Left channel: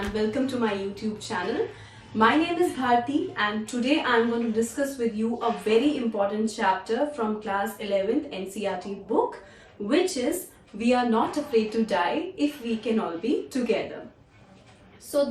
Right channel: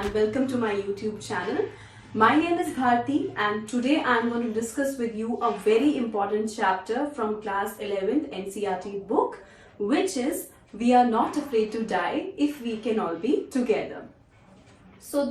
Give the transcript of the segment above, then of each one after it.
and welcome to my YouTube channel. My name is Bharti and today I'm going to discuss with you a very important chapter from class 11th NCERT book, which is We Are Not Afraid to Die If We Can All Be Together. So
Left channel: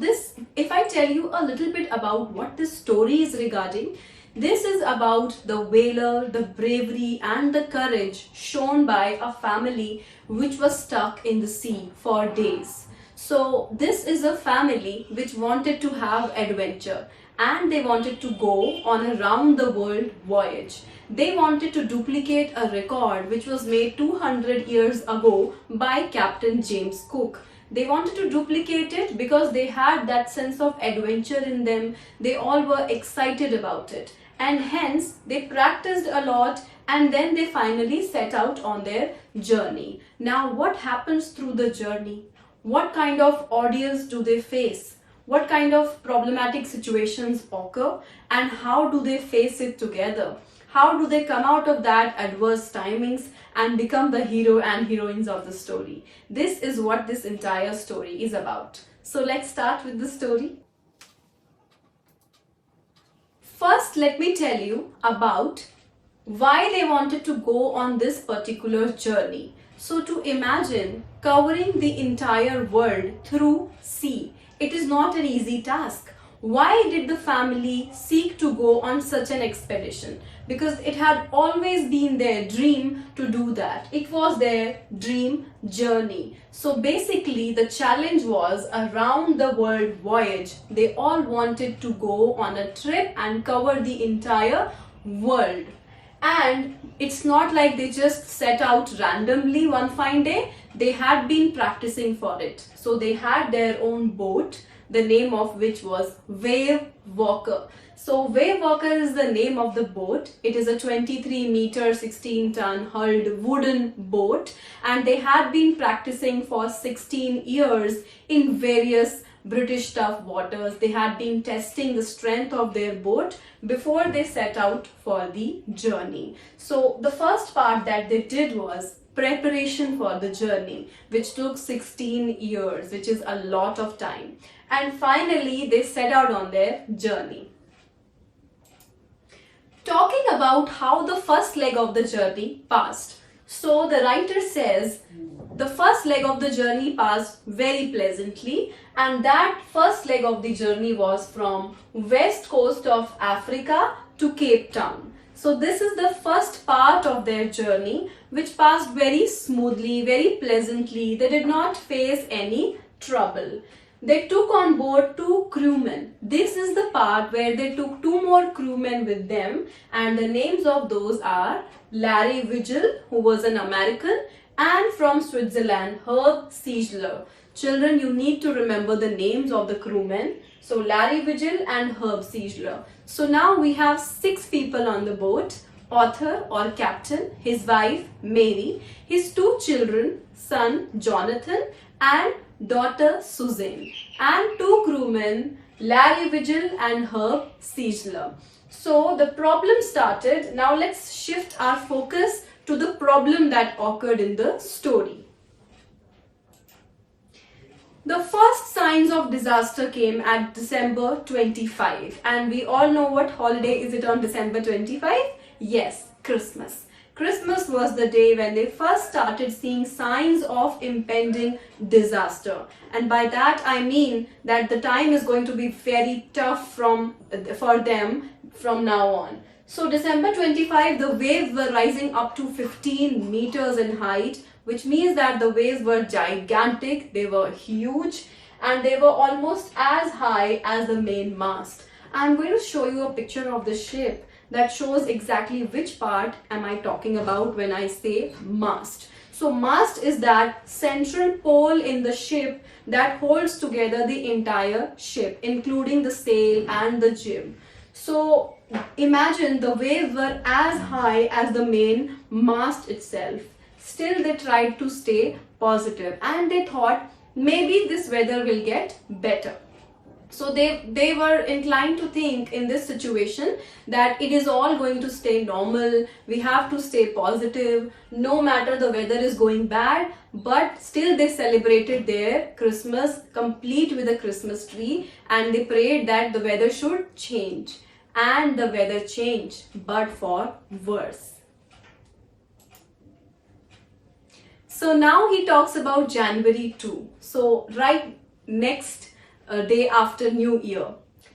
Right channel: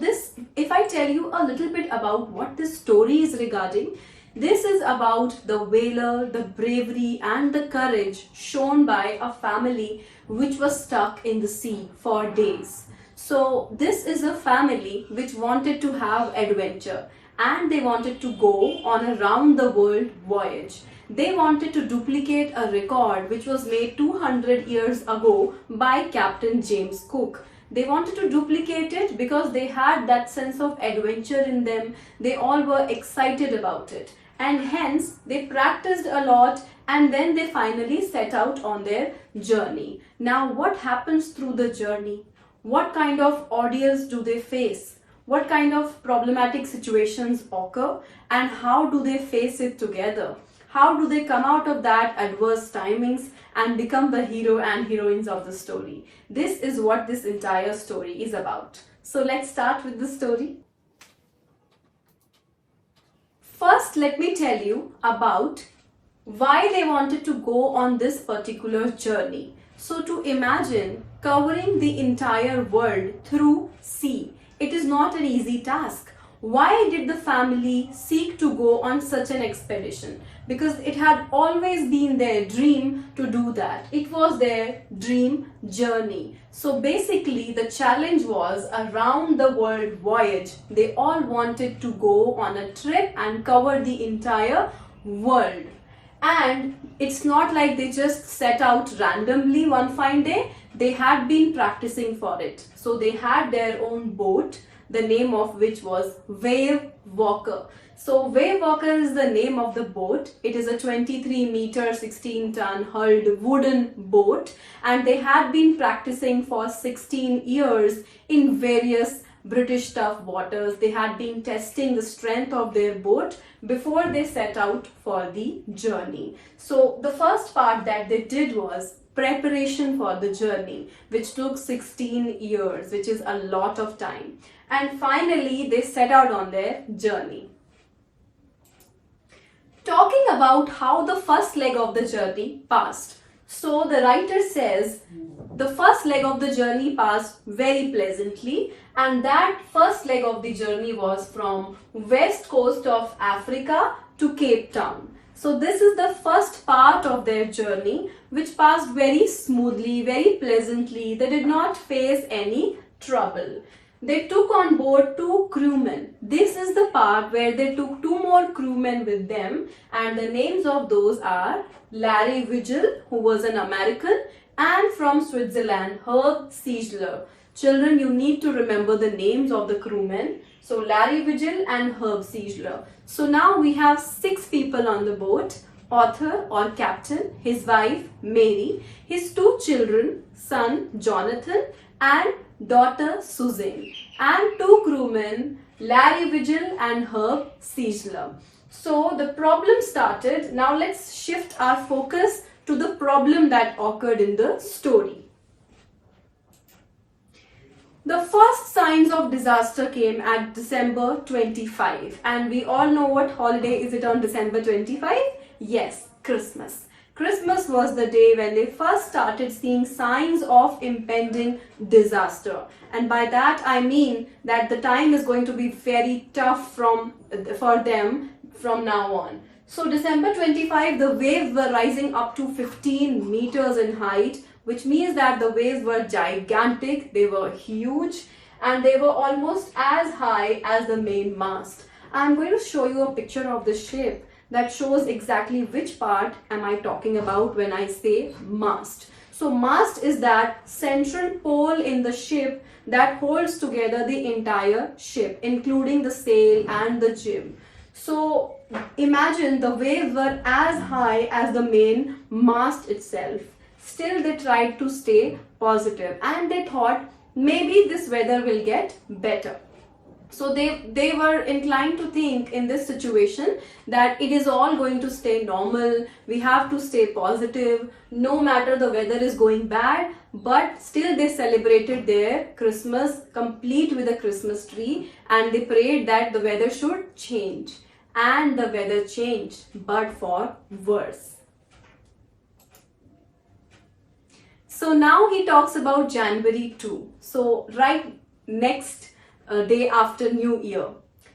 if I tell you a little bit about what this story is regarding, this is about the valor, the bravery and the courage shown by a family which was stuck in the sea for days. So this is a family which wanted to have adventure and they wanted to go on a round the world voyage. They wanted to duplicate a record which was made 200 years ago by Captain James Cook. They wanted to duplicate it because they had that sense of adventure in them. They all were excited about it. And hence they practiced a lot and then they finally set out on their journey. Now what happens through the journey? What kind of ordeals do they face? What kind of problematic situations occur? And how do they face it together? How do they come out of that adverse timings and become the hero and heroines of the story? This is what this entire story is about. So let's start with the story. First, let me tell you about why they wanted to go on this particular journey. So to imagine covering the entire world through sea, it is not an easy task. Why did the family seek to go on such an expedition? Because it had always been their dream to do that. It was their dream journey. So basically the challenge was a round the world voyage. They all wanted to go on a trip and cover the entire world. And it's not like they just set out randomly one fine day. They had been practicing for it. So they had their own boat, the name of which was Wavewalker. So Wavewalker is the name of the boat. It is a 23-meter, 16-ton hulled wooden boat, and they had been practicing for 16 years in various British tough waters. They had been testing the strength of their boat before they set out for the journey. So the first part that they did was preparation for the journey, which took 16 years, which is a lot of time. And finally, they set out on their journey. Talking about how the first leg of the journey passed. So the writer says the first leg of the journey passed very pleasantly, and that first leg of the journey was from west coast of Africa to Cape Town. So this is the first part of their journey which passed very smoothly, very pleasantly. They did not face any trouble. They took on board 2 crewmen. This is the part where they took 2 more crewmen with them, and the names of those are Larry Vigil, who was an American, and from Switzerland, Herb Siegler. Children, you need to remember the names of the crewmen. So Larry Vigil and Herb Siegler. So now we have 6 people on the boat: author or captain, his wife Mary, his 2 children, son Jonathan and daughter Suzanne, and 2 crewmen, Larry Vigil and Herb Siegler. So the problem started. Now let's shift our focus to the problem that occurred in the story. The first signs of disaster came at December 25, and we all know what holiday is it on December 25? Yes, Christmas. Christmas was the day when they first started seeing signs of impending disaster. And by that I mean that the time is going to be very tough for them from now on. So December 25, the waves were rising up to 15 meters in height, which means that the waves were gigantic, they were huge, and they were almost as high as the main mast. I'm going to show you a picture of the ship that shows exactly which part am I talking about when I say mast. So mast is that central pole in the ship that holds together the entire ship, including the sail and the jib. So imagine the waves were as high as the main mast itself. Still they tried to stay positive and they thought maybe this weather will get better. So they were inclined to think in this situation that it is all going to stay normal, we have to stay positive no matter the weather is going bad, but still they celebrated their Christmas complete with a Christmas tree, and they prayed that the weather should change. And the weather changed, but for worse. So now he talks about January 2. So right next day after New Year.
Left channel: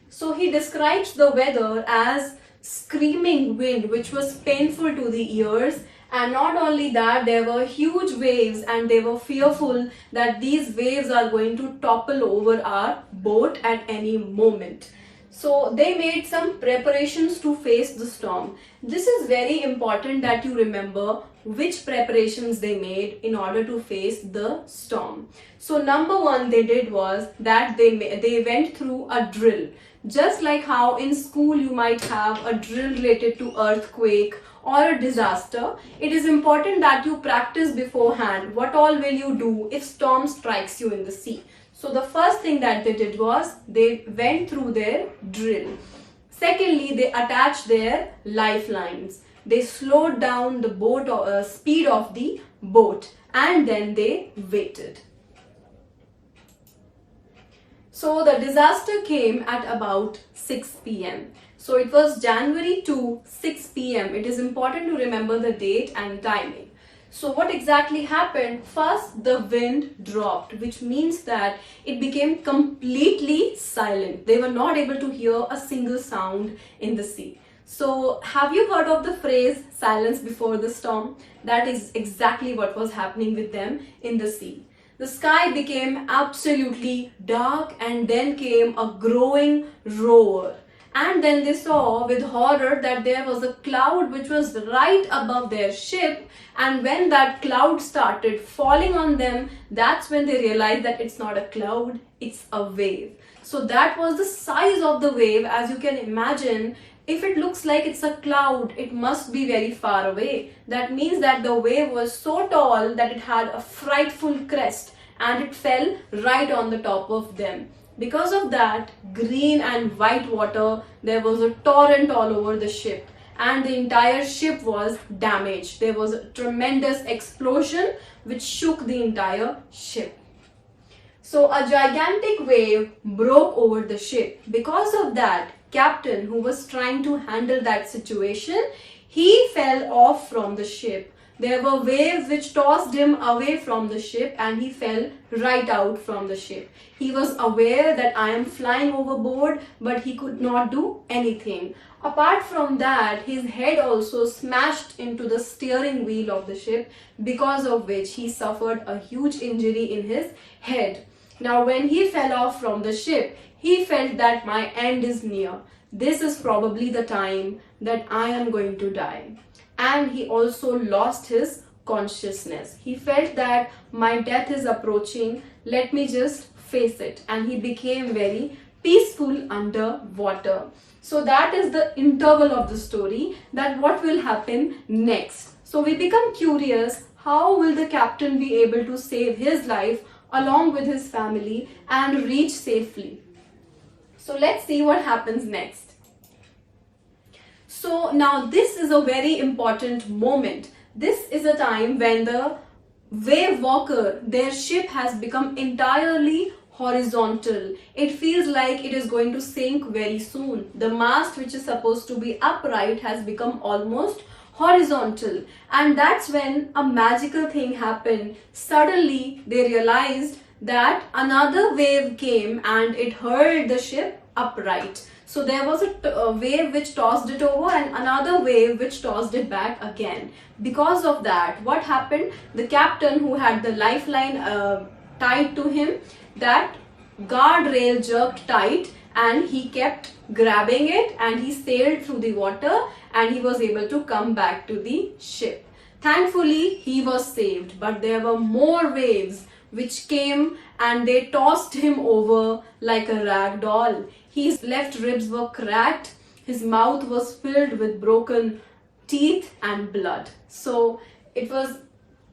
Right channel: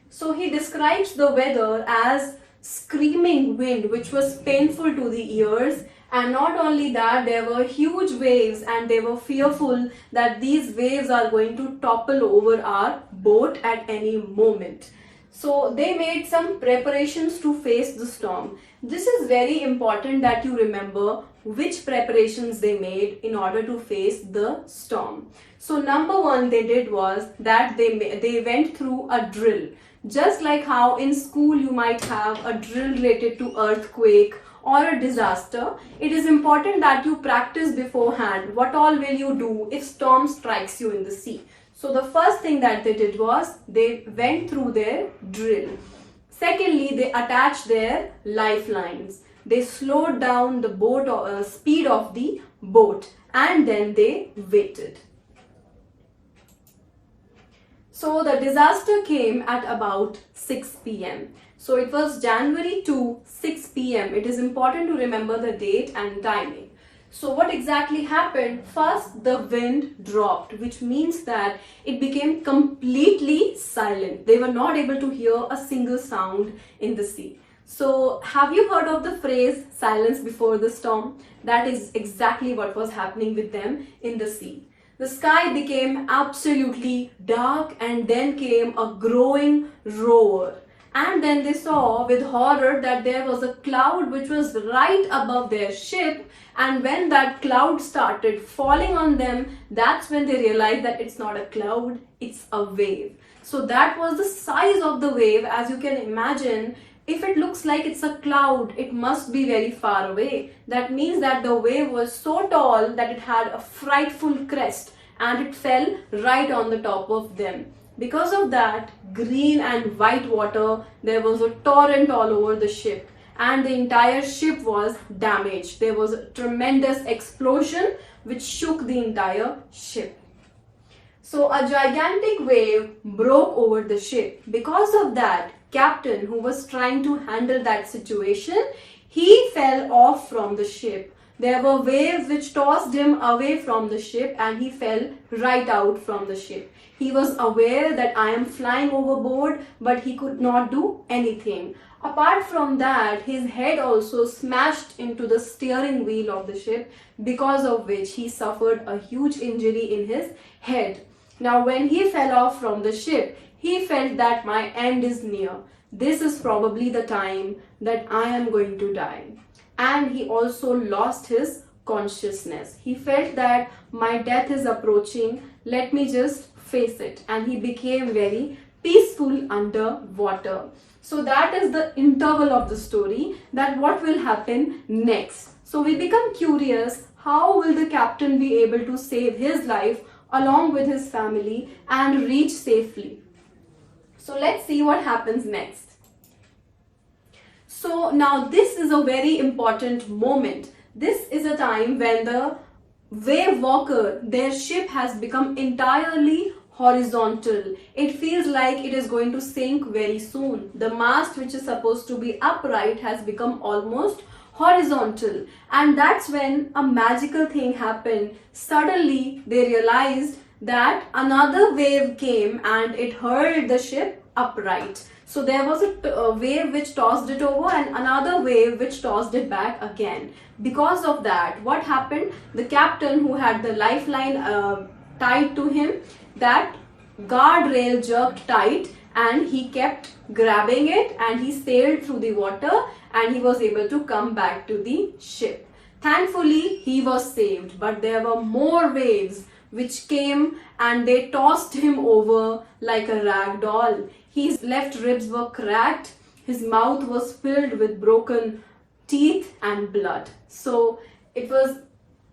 So he describes the weather as screaming wind, which was painful to the ears. And not only that, there were huge waves, and they were fearful that these waves are going to topple over our boat at any moment. So they made some preparations to face the storm. This is very important that you remember which preparations they made in order to face the storm. So number one they did was that they went through a drill. Just like how in school you might have a drill related to earthquake or a disaster, it is important that you practice beforehand what all will you do if storm strikes you in the sea. So the first thing that they did was they went through their drill. Secondly, they attached their lifelines. They slowed down the boat speed of the boat, and then they waited. So the disaster came at about 6 p.m. So it was January 2, 6 p.m. It is important to remember the date and timing. So what exactly happened? First, the wind dropped, which means that it became completely silent. They were not able to hear a single sound in the sea. So have you heard of the phrase silence before the storm? That is exactly what was happening with them in the sea. The sky became absolutely dark, and then came a growing roar. And then they saw with horror that there was a cloud which was right above their ship, and when that cloud started falling on them, that's when they realized that it's not a cloud, it's a wave. So that was the size of the wave. As you can imagine, if it looks like it's a cloud, it must be very far away. That means that the wave was so tall that it had a frightful crest, and it fell right on the top of them. Because of that, green and white water, there was a torrent all over the ship, and the entire ship was damaged. There was a tremendous explosion which shook the entire ship. So a gigantic wave broke over the ship. Because of that, captain who was trying to handle that situation, he fell off from the ship. There were waves which tossed him away from the ship, and he fell right out from the ship. He was aware that I am flying overboard, but he could not do anything. Apart from that, his head also smashed into the steering wheel of the ship, because of which he suffered a huge injury in his head. Now, when he fell off from the ship, he felt that my end is near. This is probably the time that I am going to die. And he also lost his consciousness. He felt that my death is approaching, let me just face it. And he became very peaceful underwater. So that is the interval of the story, that what will happen next. So we become curious, how will the captain be able to save his life along with his family and reach safely? So let's see what happens next. So now this is a very important moment. This is a time when the Wavewalker, their ship has become entirely horizontal. It feels like it is going to sink very soon. The mast, which is supposed to be upright, has become almost horizontal. And that's when a magical thing happened. Suddenly they realized that another wave came and it hurled the ship upright. So there was a wave which tossed it over, and another wave which tossed it back again. Because of that, what happened? The captain, who had the lifeline tied to him, that guardrail jerked tight, and he kept grabbing it, and he sailed through the water, and he was able to come back to the ship. Thankfully, he was saved, but there were more waves which came and they tossed him over like a rag doll. His left ribs were cracked, his mouth was filled with broken teeth and blood. So it was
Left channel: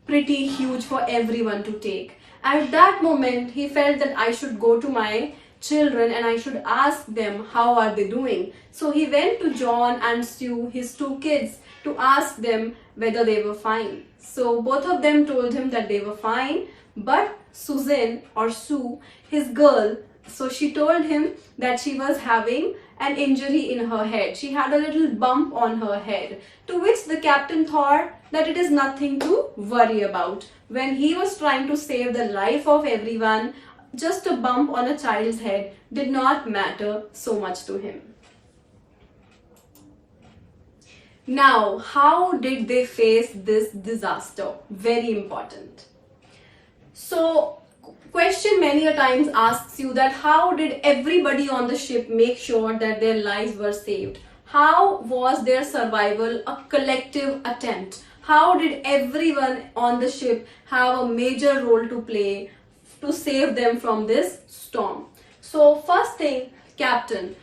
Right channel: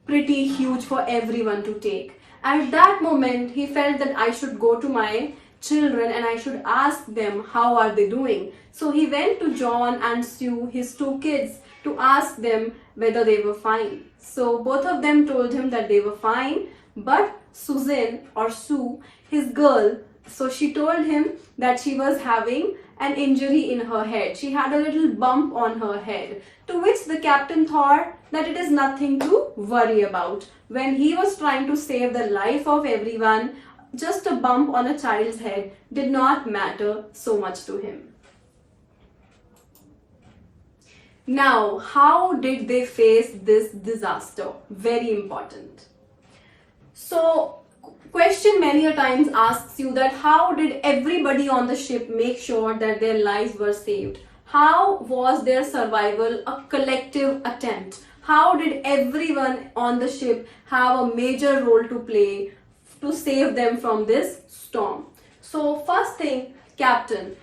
pretty huge for everyone to take. At that moment, he felt that I should go to my children and I should ask them how are they doing. So he went to John and Sue, his two kids, to ask them whether they were fine. So both of them told him that they were fine, but Suzanne or Sue, his girl, so she told him that she was having an injury in her head. She had a little bump on her head, to which the captain thought that it is nothing to worry about. When he was trying to save the life of everyone, just a bump on a child's head did not matter so much to him. Now, how did they face this disaster? Very important. So, question many a times asks you that how did everybody on the ship make sure that their lives were saved? How was their survival a collective attempt? How did everyone on the ship have a major role to play to save them from this storm? So first thing, Captain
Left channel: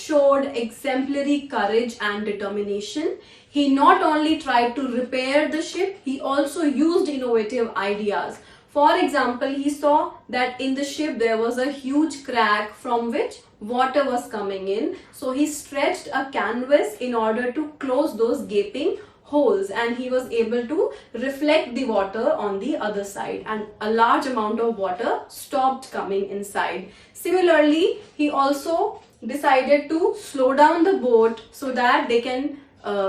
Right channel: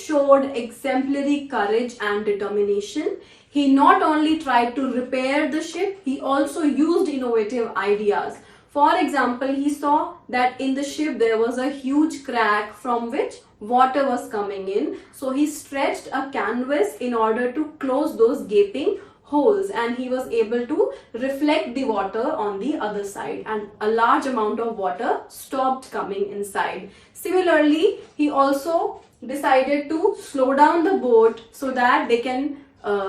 showed exemplary courage and determination. He not only tried to repair the ship, he also used innovative ideas. For example, he saw that in the ship there was a huge crack from which water was coming in. So he stretched a canvas in order to close those gaping holes, and he was able to reflect the water on the other side, and a large amount of water stopped coming inside. Similarly, he also decided to slow down the boat so that they can,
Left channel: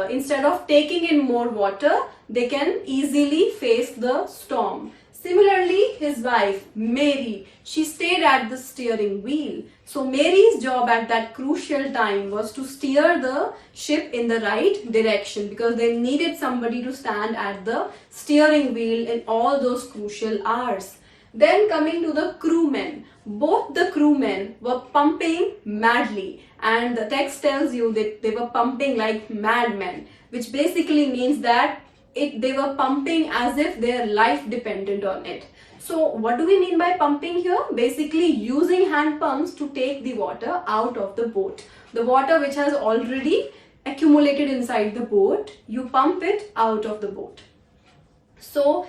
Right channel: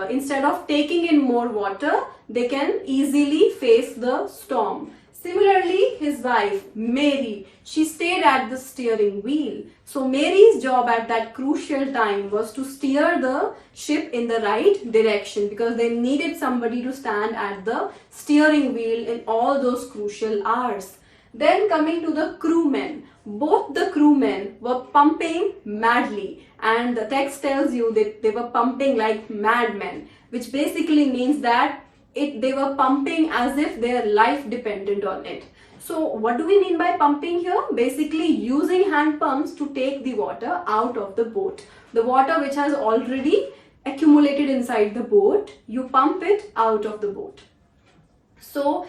instead of taking in more water, they can easily face the storm. Similarly, his wife, Mary, she stayed at the steering wheel. So Mary's job at that crucial time was to steer the ship in the right direction, because they needed somebody to stand at the steering wheel in all those crucial hours. Then coming to the crewmen, both the crewmen were pumping madly, and the text tells you that they were pumping like madmen, which basically means that they were pumping as if their life depended on it. So what do we mean by pumping here? Basically using hand pumps to take the water out of the boat. The water which has already accumulated inside the boat, you pump it out of the boat. So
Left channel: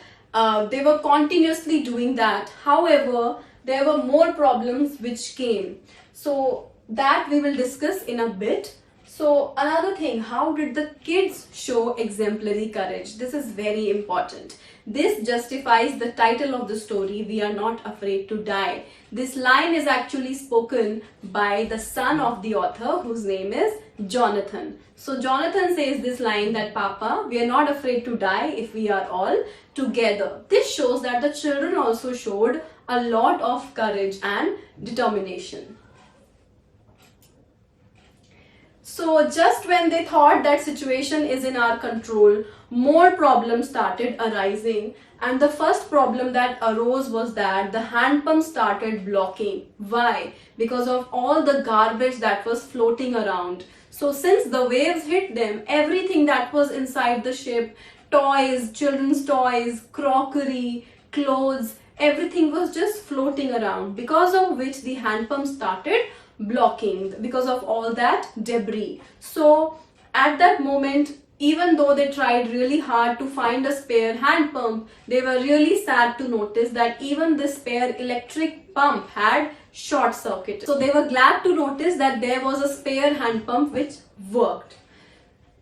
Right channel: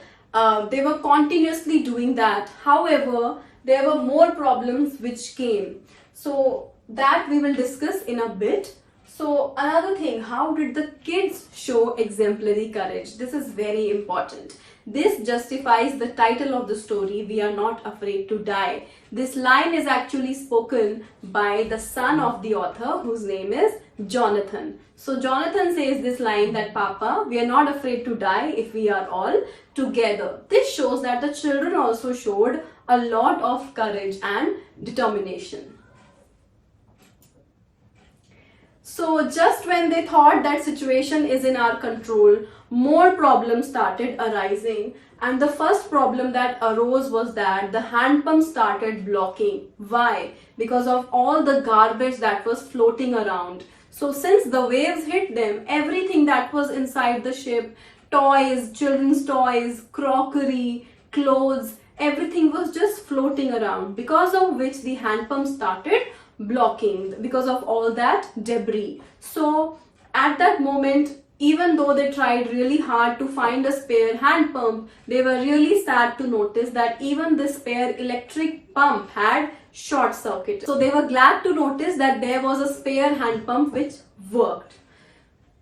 they were continuously doing that. However, there were more problems which came. So that we will discuss in a bit. So another thing, how did the kids show exemplary courage? This is very important. This justifies the title of the story, We Are Not Afraid to Die. This line is actually spoken by the son of the author, whose name is Jonathan. So Jonathan says this line that, Papa, we are not afraid to die if we are all together. This shows that the children also showed a lot of courage and determination. So just when they thought that situation is in our control, more problems started arising. And the first problem that arose was that the hand pump started blocking. Why? Because of all the garbage that was floating around. So since the waves hit them, everything that was inside the ship, toys, children's toys, crockery, clothes, everything was just floating around, because of which the hand pump started blocking because of all that debris. So at that moment, even though they tried really hard to find a spare hand pump, they were really sad to notice that even the spare electric pump had short circuited. So they were glad to notice that there was a spare hand pump which worked.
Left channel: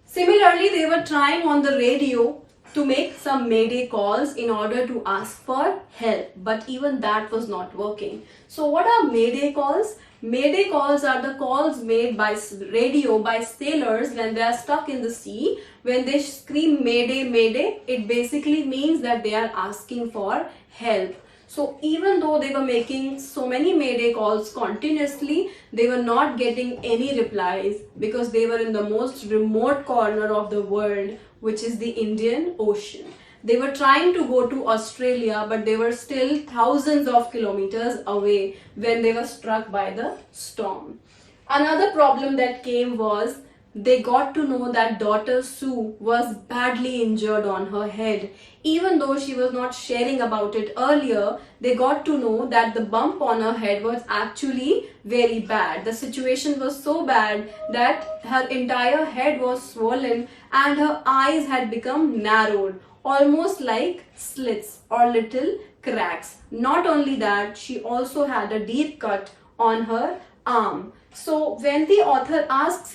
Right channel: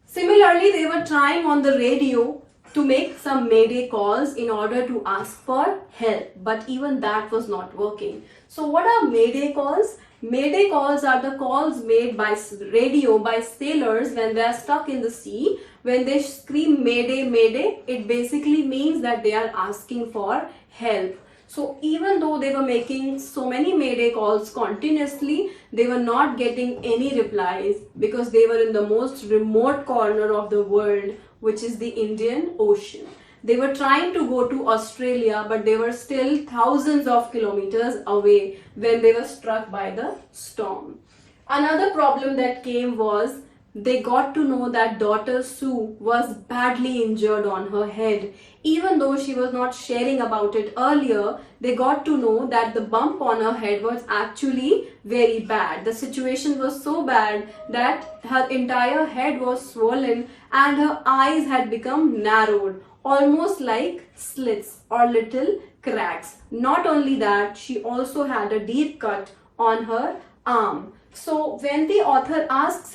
Similarly, they were trying on the radio to make some mayday calls in order to ask for help, but even that was not working. So what are mayday calls? Mayday calls are the calls made by radio by sailors when they are stuck in the sea. When they scream mayday, mayday, it basically means that they are asking for help. So even though they were making so many mayday calls continuously, they were not getting any replies, because they were in the most remote corner of the world, which is the Indian Ocean. They were trying to go to Australia, but they were still thousands of kilometers away when they were struck by the storm. Another problem that came was they got to know that daughter Sue was badly injured on her head. Even though she was not sharing about it earlier, they got to know that the bump on her head was actually very bad. The situation was so bad that her entire head was swollen and her eyes had become narrowed, almost like slits or little cracks. Not only that, she also had a deep cut on her arm. So when the author asks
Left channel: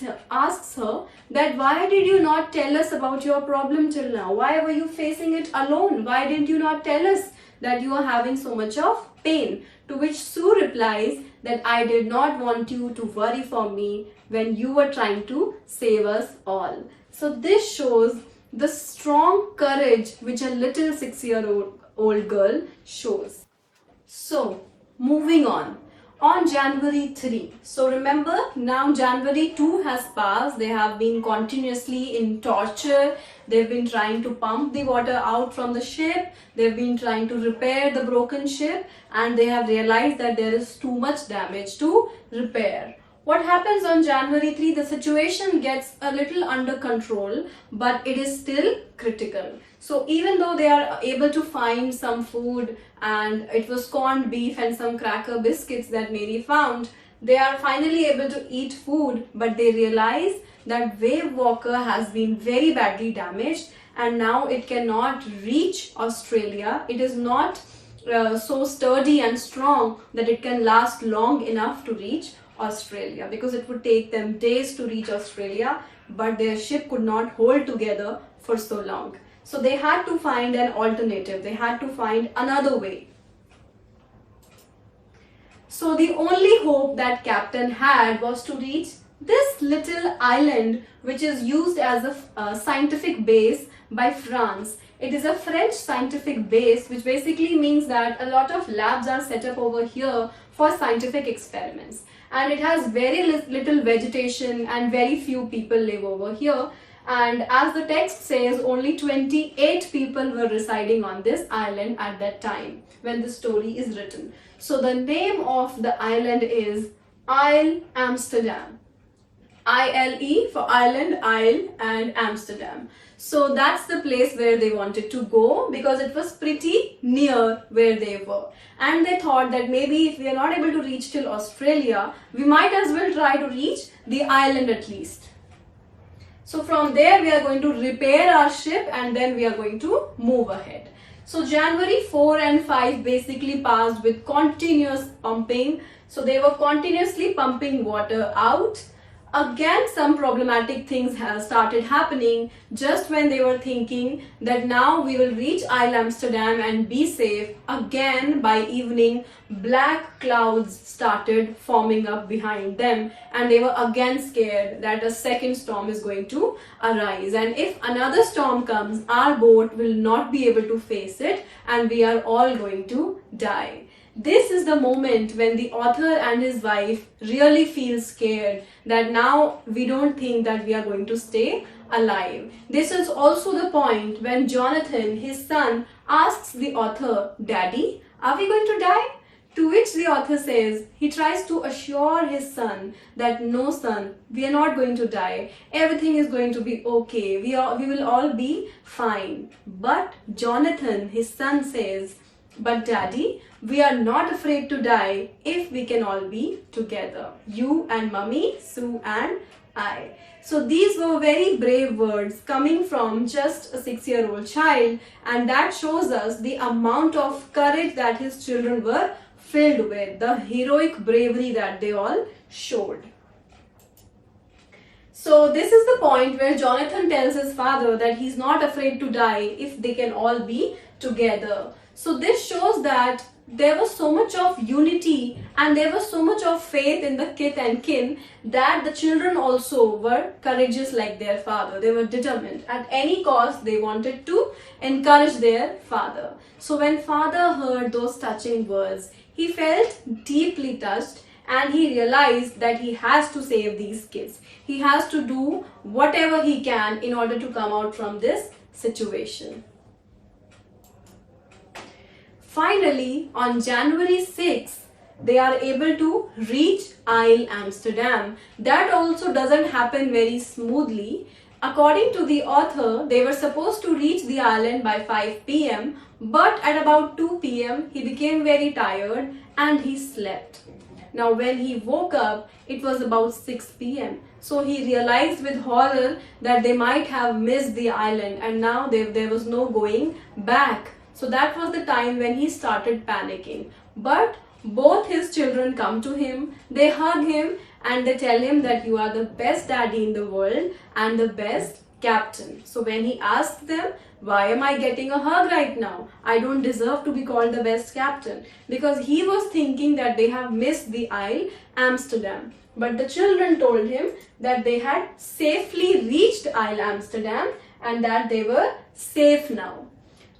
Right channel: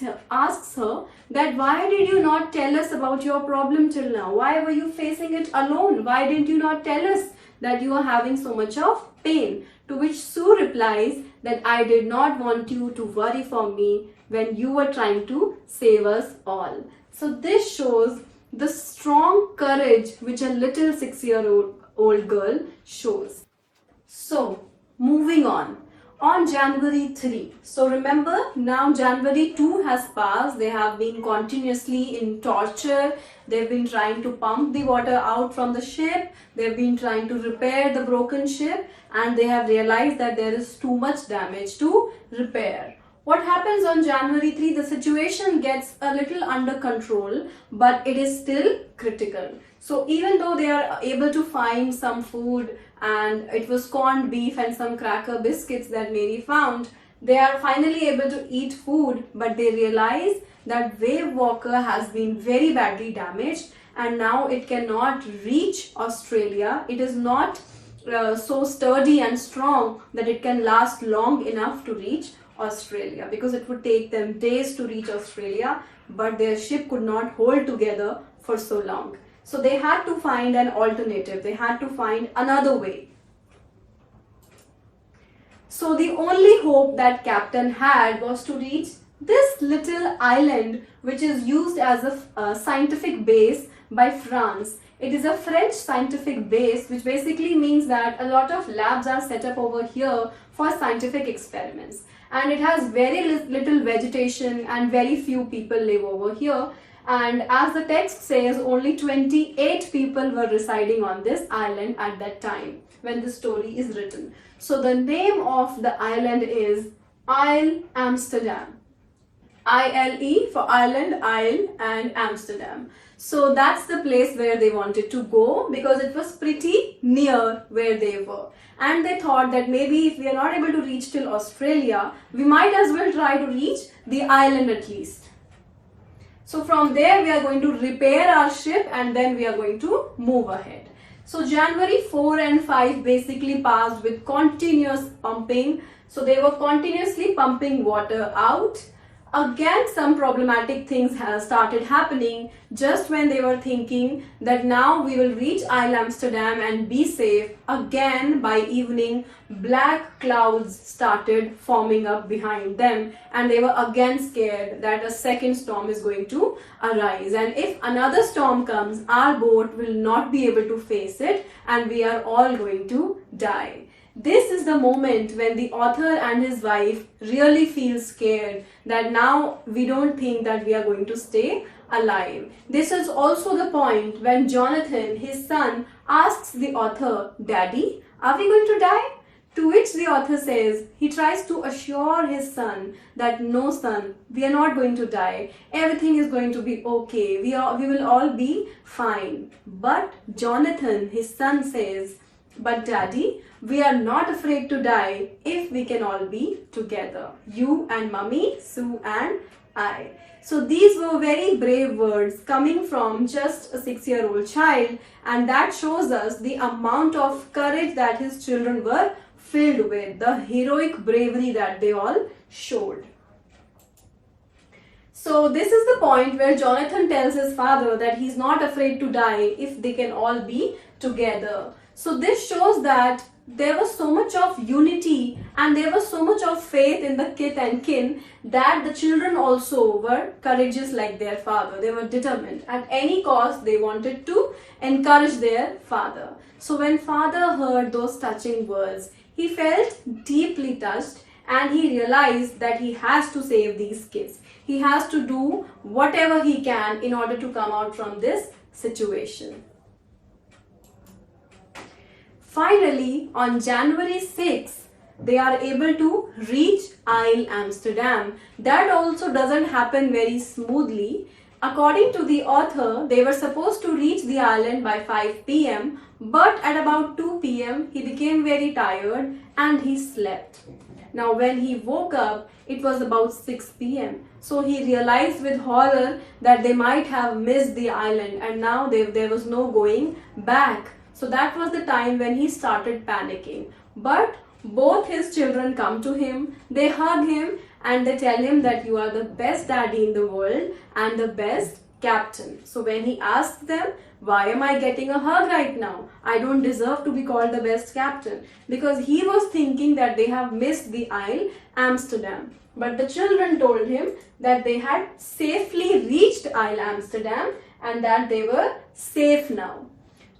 her that why did you not tell us about your problem till now? Why were you facing it alone? Why didn't you not tell us that you are having so much of pain? To which Sue replies that I did not want you to worry for me when you were trying to save us all. So this shows the strong courage which a little 6-year-old girl shows. So moving on January 3. So remember, now January 2 has passed. They have been continuously in torture. They've been trying to pump the water out from the ship. They've been trying to repair the broken ship, and they have realized that there is too much damage to repair. What happens on January 3? The situation gets a little under control, but it is still critical. So even though they are able to find some food, and it was corned beef and some cracker biscuits that Mary found, they are finally able to eat food, but they realize that Wavewalker has been very badly damaged and now it cannot reach Australia. It is not so sturdy and strong that it can last long enough to reach Australia, because it would take them days to reach Australia, but their ship could not hold together for so long. So they had to find an alternative. They had to find another way. So the only hope that Captain had was to reach this little island, which is used as a scientific base by France. It is a French scientific base, which basically means that a lot of labs are set up over here for scientific experiments. And it has very little vegetation and very few people live over here. And as the text says, only 28 people were residing on this island at that time when the story is written. So the name of the island is Isle Amsterdam. I-L-E for island, Isle, and Amsterdam. So that's the place where they wanted to go, because it was pretty near where they were. And they thought that maybe if we are not able to reach till Australia, we might as well try to reach the island at least. So from there we are going to repair our ship and then we are going to move ahead. So January 4 and 5 basically passed with continuous pumping. So they were continuously pumping water out. Again, some problematic things have started happening just when they were thinking that now we will reach Isle Amsterdam and be safe. Again, by evening, black clouds started forming up behind them, and they were again scared that a second storm is going to arise. And if another storm comes, our boat will not be able to face it and we are all going to die. This is the moment when the author and his wife really feel scared that now we don't think that we are going to stay alive. This is also the point when Jonathan, his son, asks the author, "Daddy, are we going to die?" To which the author says, he tries to assure his son that no son, we are not going to die. Everything is going to be okay. We will all be fine. But Jonathan, his son, says, "But Daddy, we are not afraid to die if we can all be together. You and Mummy, Sue and I." So these were very brave words coming from just a 6-year-old child, and that shows us the amount of courage that his children were filled with, the heroic bravery that they all showed. So this is the point where Jonathan tells his father that he's not afraid to die if they can all be together. So this shows that there was so much of unity and there was so much of faith in the kith and kin that the children also were courageous like their father. They were determined. At any cost, they wanted to encourage their father. So when father heard those touching words, he felt deeply touched and he realized that he has to save these kids. He has to do whatever he can in order to come out from this situation. Finally, on January 6th, they are able to reach Isle Amsterdam. That also doesn't happen very smoothly. According to the author, they were supposed to reach the island by 5 p.m. But at about 2 p.m., he became very tired and he slept. Now, when he woke up, it was about 6 p.m. So he realized with horror that they might have missed the island and now there was no going back. So that was the time when he started panicking. But both his children come to him, they hug him, and they tell him that you are the best daddy in the world and the best captain. So when he asks them, why am I getting a hug right now? I don't deserve to be called the best captain. Because he was thinking that they have missed the Isle Amsterdam. But the children told him that they had safely reached Isle Amsterdam and that they were safe now.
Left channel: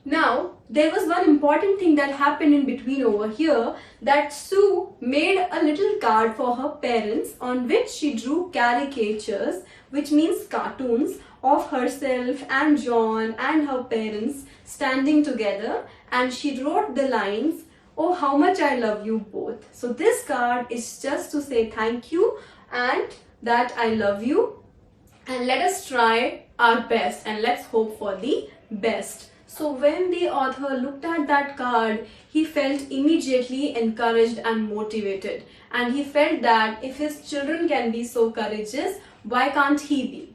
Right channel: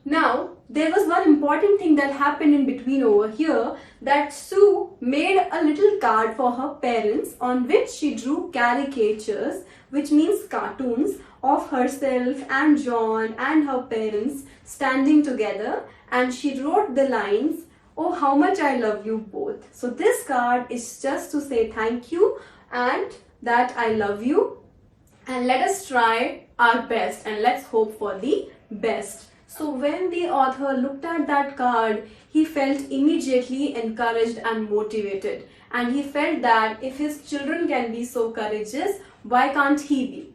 Now, there was one important thing that happened in between over here, that Sue made a little card for her parents on which she drew caricatures, which means cartoons, of herself and John and her parents standing together, and she wrote the lines, "Oh, how much I love you both." So this card is just to say thank you and that I love you, and let us try our best and let's hope for the best. So when the author looked at that card, he felt immediately encouraged and motivated, and he felt that if his children can be so courageous, why can't he be?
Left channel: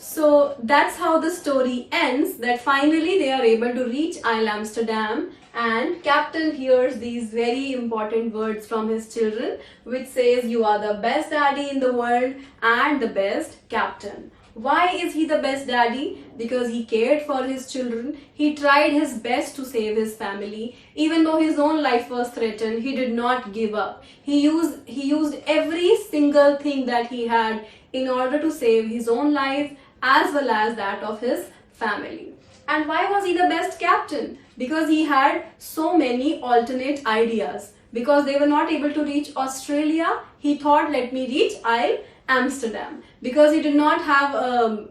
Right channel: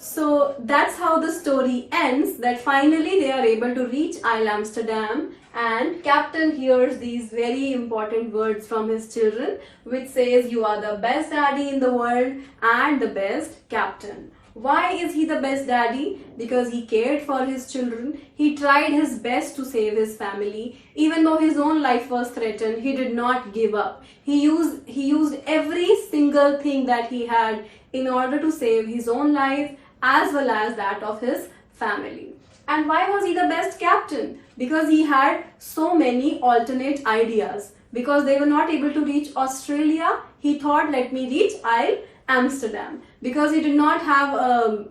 So that's how the story ends, that finally they are able to reach Isle Amsterdam, and Captain hears these very important words from his children, which says, you are the best daddy in the world and the best captain. Why is he the best daddy? Because he cared for his children. He tried his best to save his family. Even though his own life was threatened, he did not give up. He used every single thing that he had in order to save his own life as well as that of his family. And why was he the best captain? Because he had so many alternate ideas. Because they were not able to reach Australia, he thought, let me reach Isle Amsterdam. Because he did not have a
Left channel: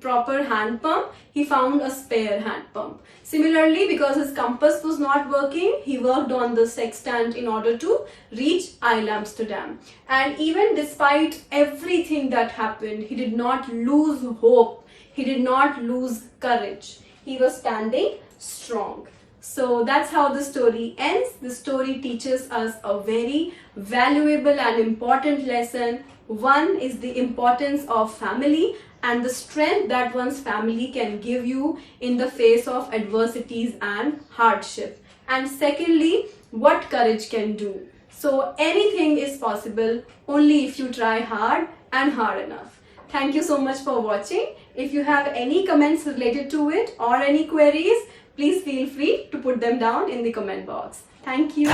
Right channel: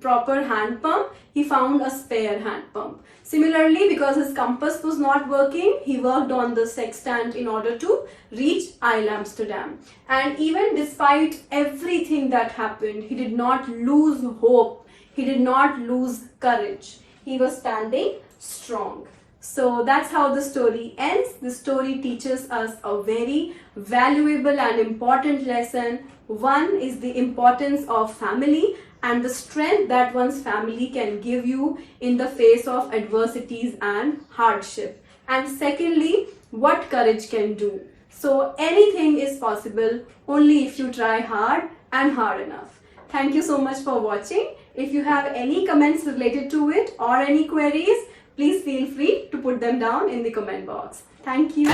proper hand pump, he found a spare hand pump. Similarly, because his compass was not working, he worked on the sextant in order to reach Isle Amsterdam. And even despite everything that happened, he did not lose hope. He did not lose courage. He was standing strong. So that's how the story ends. The story teaches us a very valuable and important lesson. One is the importance of family and the strength that one's family can give you in the face of adversities and hardship. And secondly, what courage can do. So anything is possible only if you try hard and hard enough. Thank you so much for watching. If you have any comments related to it or any queries, please feel free to put them down in the comment box. Thank you.